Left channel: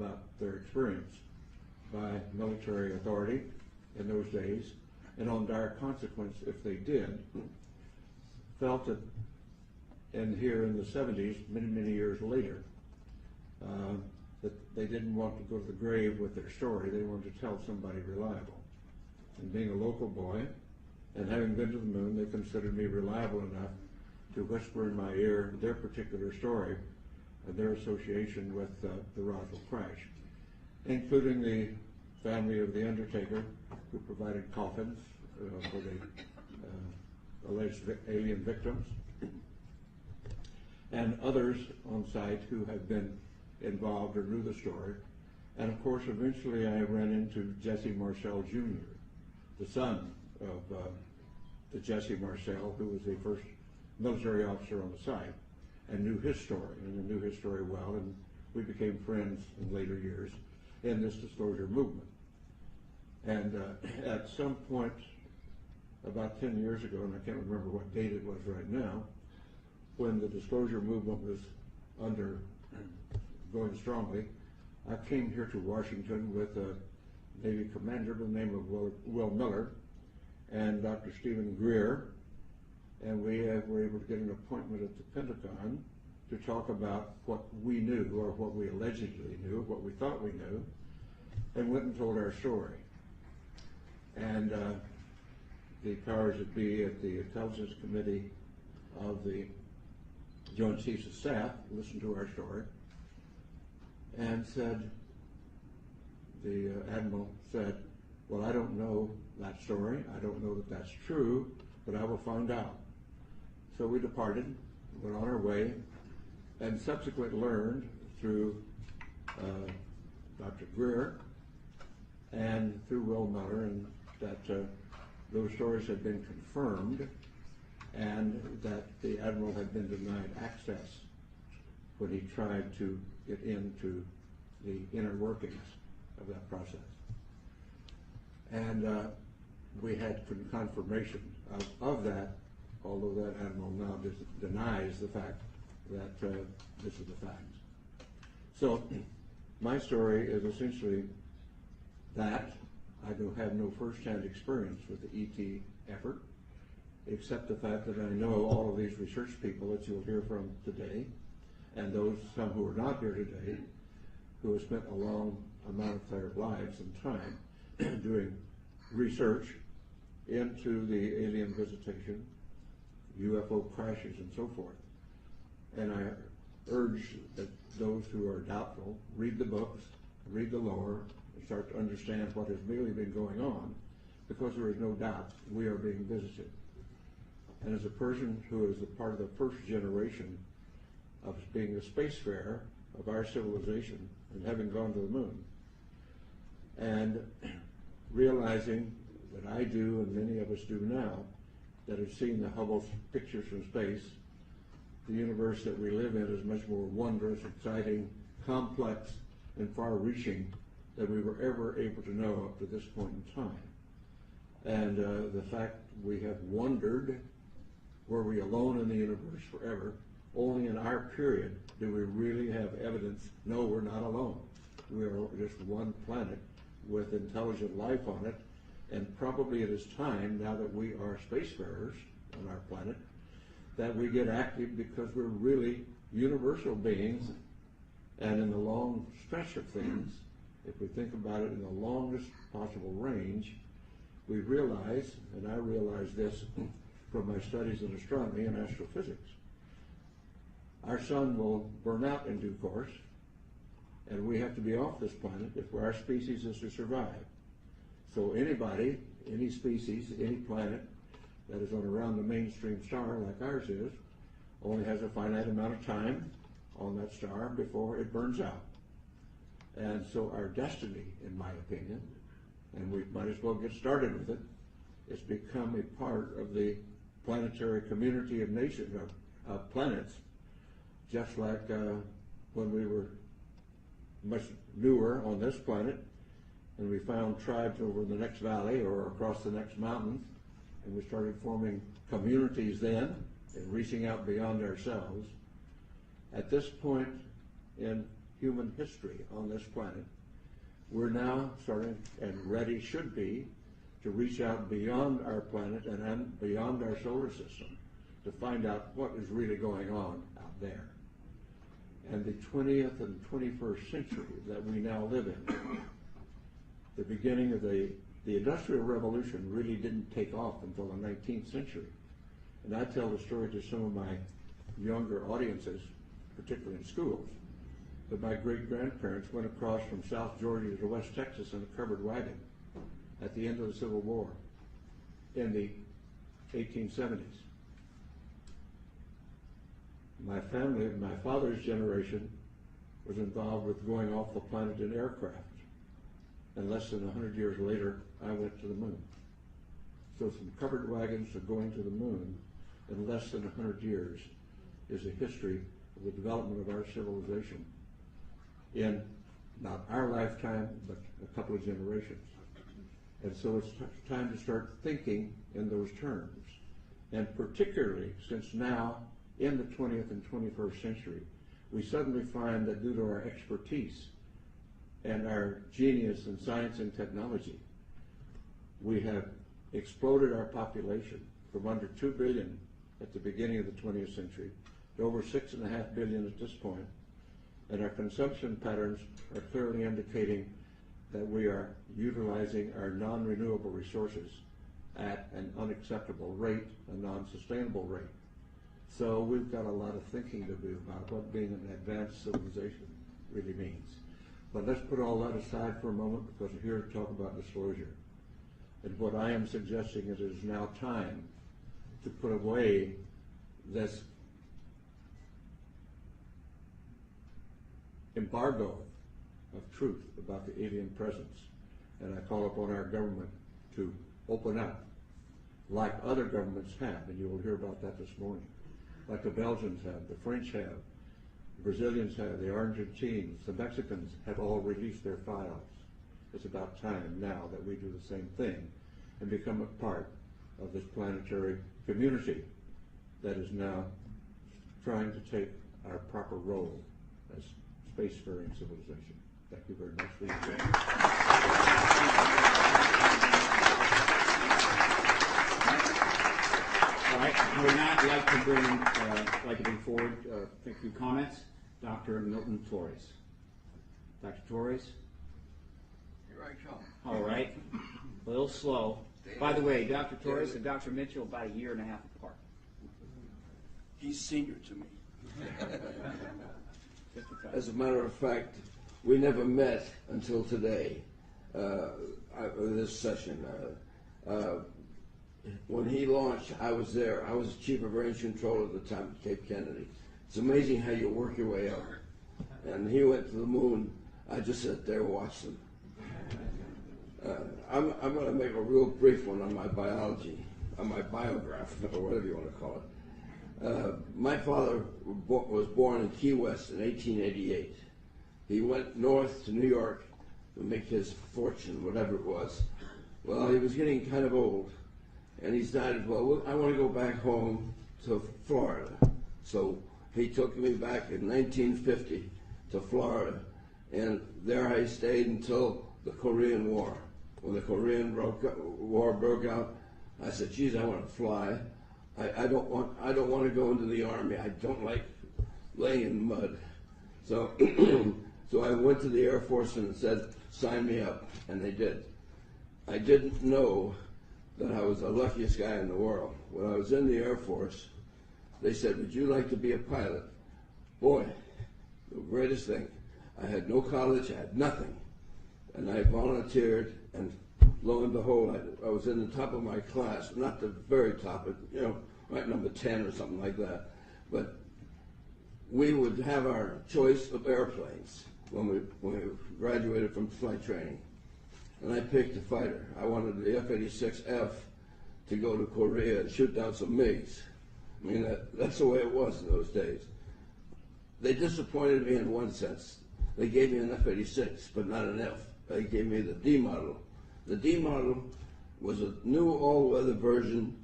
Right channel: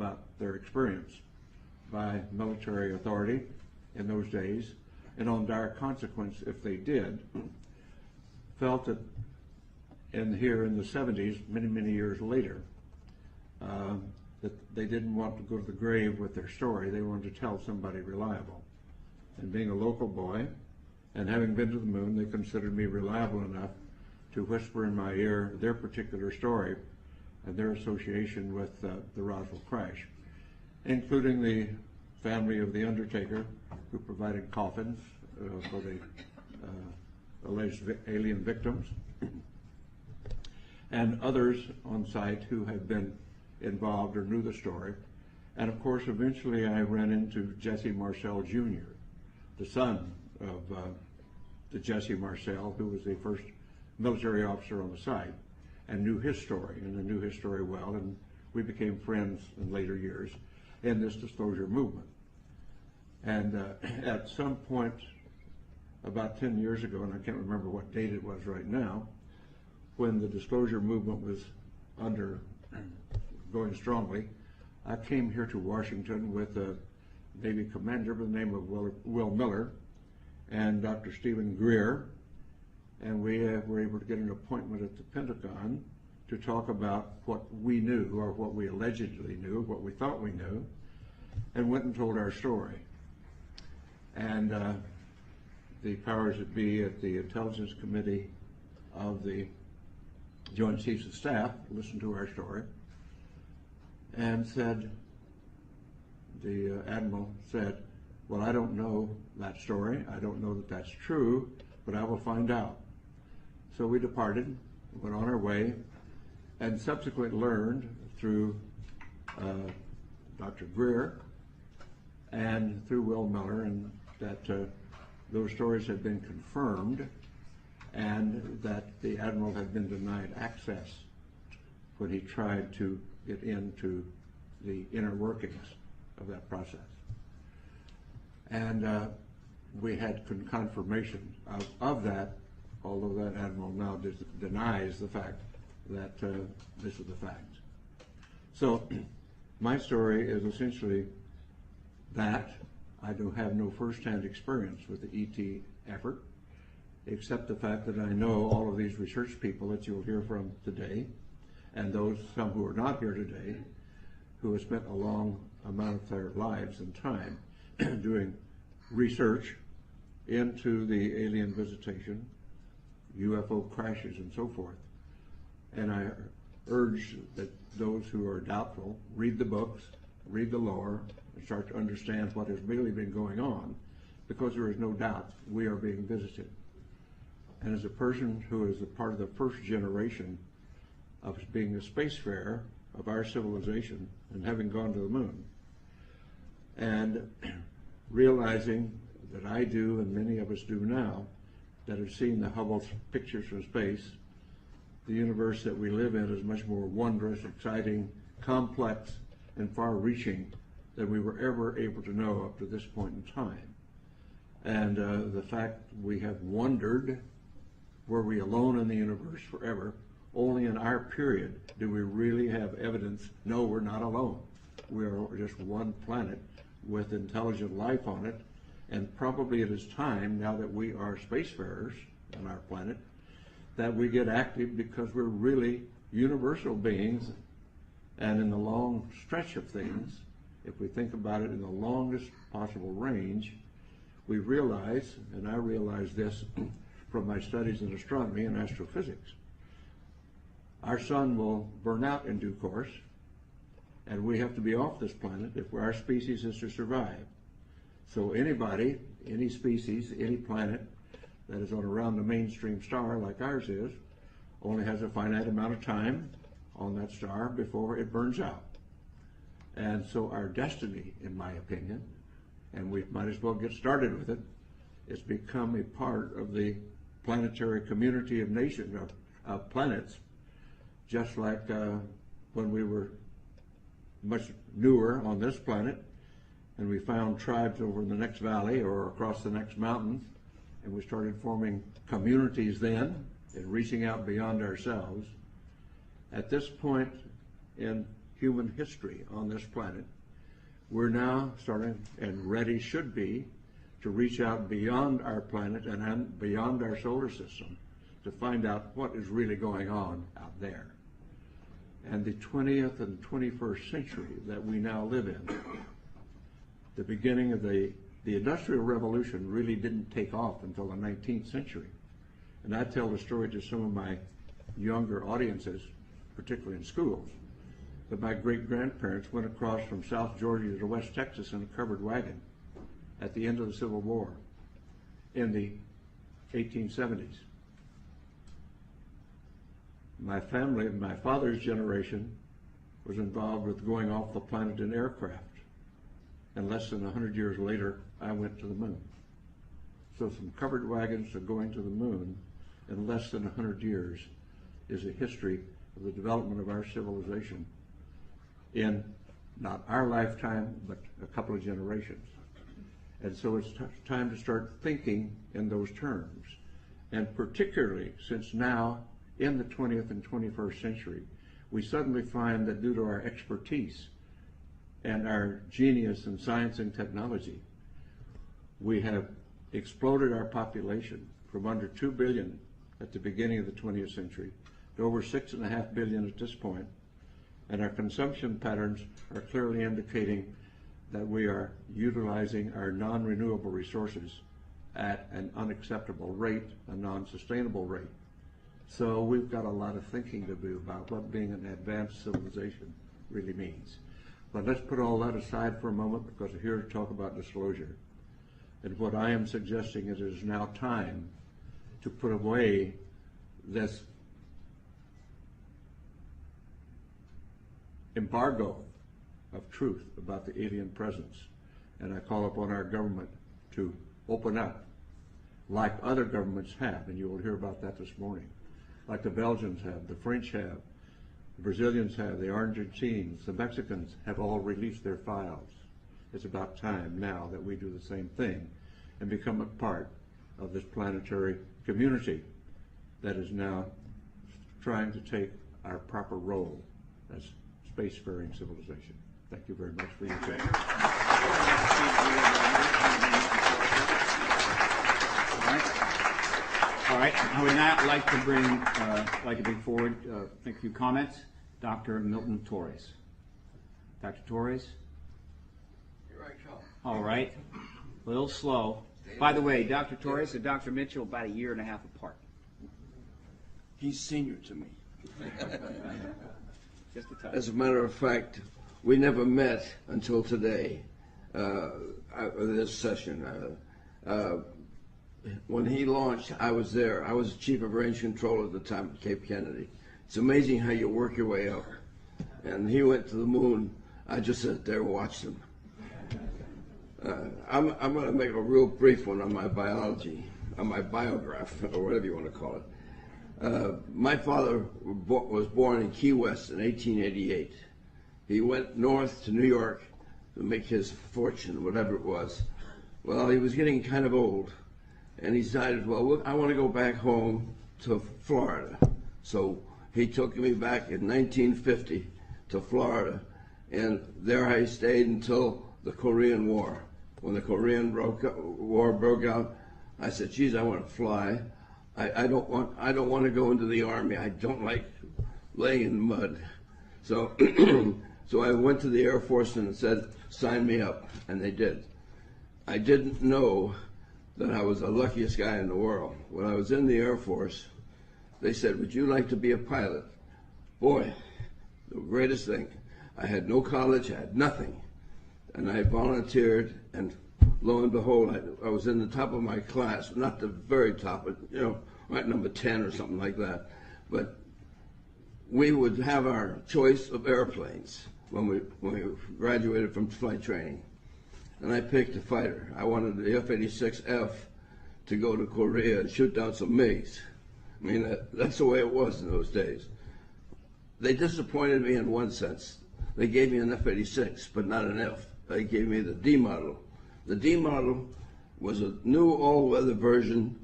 about their experience by military authority in those days, and on dire consequence if they did, felt that here in the 70s, many years later, that they didn't want to go to the grave with their story. They wanted to tell somebody reliable. And being a local boy and having been to the moon, they considered me reliable enough to whisper in my ear their particular story and their association with the Roswell crash, including the family of the undertaker who provided coffins for the alleged alien victims, and others on site who had been involved or knew the story. And of course, eventually I ran into Jesse Marcel Jr., the son of the Jesse Marcel, who was the first military officer on the site, and knew his story, and I knew his story well, and we became friends in later years in this disclosure movement. And at some point about 10 years ago, and I can't remember what date it was right now, when the disclosure movement was going strongly, I came here to Washington with a Navy commander by the name of Will Miller and Dr. Stephen Greer, and we were able to get an appointment at the Pentagon to talk about what we knew, or what we allegedly knew, what we thought we knew, and went and told our story. And the powers that be at the Intelligence Committee of the Joint Chiefs of Staff listened to our story and said, the Admiral said, well, I don't know that story. I don't know that that's true, but I will find out. So we departed, went on our way, and subsequently learned through Dr. Greer and through Will Miller, and that those stories had been confirmed, and that the Admiral had been denied access when he tried to get into the inner workings of that process. And we had confirmation of that, although that Admiral now denies the fact that this is the fact. So my story is essentially that. I do have no first-hand experience with the ET effort, except the fact that I know all of these research people that you'll hear from today, and some who are not here today, who have spent a long amount of their lives and time doing research into the alien visitation, UFO crashes, and so forth. And I urge that those who are doubtful read the books, read the lore, and start to understand what has really been going on, because there is no doubt we are being visited. And as a person who is a part of the first generation of being a spacefarer of our civilization and having gone to the moon, and realizing that I do, and many of us do now, that have seen the Hubble pictures from space, the universe that we live in is much more wondrous, exciting, complex, and far-reaching than we were ever able to know up to this point in time. And the fact we have wondered, were we alone in the universe forever? Only in our period do we really have evidence, no, we're not alone. We are just one planet with intelligent life on it, and probably it is time, now that we are spacefarers on our planet, that we get active, because we're really universal beings. And in the long stretch of things, if we think about it in the longest possible range, we realize, and I realize this from my studies in astronomy and astrophysics, our sun will burn out in due course, and we have to be off this planet if our species is to survive. So anybody, any species, any planet that is on around the mainstream star like ours is, only has a finite amount of time on that star before it burns out. And so our destiny, in my opinion, and we might as well get started with it, is become a part of the planetary community of nations, of planets, just like when we were much newer on this planet, and we found tribes over in the next valley or across the next mountain, and we started forming communities then and reaching out beyond ourselves. At this point in human history on this planet, we're now starting, and ready should be, to reach out beyond our planet and beyond our solar system to find out what is really going on out there. And the 20th and 21st century that we now live in, the beginning of the Industrial Revolution really didn't take off until the 19th century. And I tell the story to some of my younger audiences, particularly in schools, that my great-grandparents went across from South Georgia to West Texas in a covered wagon at the end of the Civil War in the 1870s. My family, my father's generation, was involved with going off the planet in aircraft. And less than 100 years later, I went to the moon. So from covered wagons to going to the moon in less than 100 years is a history of the development of our civilization in not our lifetime, but a couple of generations. And so it's time to start thinking in those terms. And particularly since now, in the 20th and 21st century, we suddenly find that due to our expertise and our genius in science and technology, we have exploded our population from under 2 billion at the beginning of the 20th century to over 6.5 billion at this point. And our consumption patterns are clearly indicating that we are utilizing our non-renewable resources at an unacceptable rate, a non-sustainable rate. So we've got a lot of thinking to do about what being an advanced civilization really means. But let's put all that aside for a moment, because we're here to talk about disclosure. And what I am suggesting is it is now time to put away this embargo of truth about the alien presence. And I call upon our government to open up like other governments have, and you will hear about that this morning. Like the Belgians have, the French have, the Brazilians have, the Argentines, the Mexicans have all released their files. It's about time now that we do the same thing and become a part of this planetary community that is now trying to take our proper role as spacefaring civilization. Thank you very much for your attention. All right. I would now like to bring forward a few comments. Dr. Milton Torres. Dr. Torres. Here I come. All right. A little slow. By the way, Dr. Torres and Dr. Mitchell about a year and a half apart. He's senior to me. Just a touch. As a matter of fact, we never met until today, this session. When he launched, I was there. I was chief of range control at the time at Cape Kennedy. It's amazing how you work your way up. And he went to the moon. I just sat there and watched him. I'm going to make a real brief one on my biology, on my biograph, or whatever you want to call it. My father was born in Key West in 1888. He went north to New York to make his fortune, whatever it was. Well, he was getting kind of old, and he decided, well, I want to go back home to Florida. So he took me back in 1950 to Florida, and there I stayed until the Korean War. When the Korean War broke out, I said, geez, I want to fly. I don't want to go into the Army. I don't like laying in mud. So, so I went to the Air Force and said, sign me up, and they did. I didn't know that I was the luckiest guy in the world. When I was in the Air Force, they said, would you like to be a pilot? Boy, the greatest thing. I had no college, I had nothing. And I volunteered, and lo and behold, I was in the top of my class, not the very top, but, you know, right number 10 or something like that. But we would have our choice of airplanes when we graduated from flight training. And I picked a fighter. I wanted the F-86F to go to Korea and shoot down some MiGs. I mean, that's the way it was in those days. They disappointed me in one sense. They gave me an F-86, but not an F. They gave me the D model. The D model was a new all-weather version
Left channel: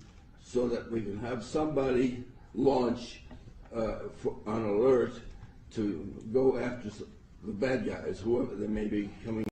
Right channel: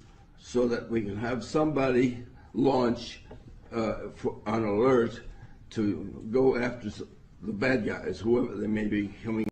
so that we can have somebody launch on alert to go after the bad guys, whoever they may be coming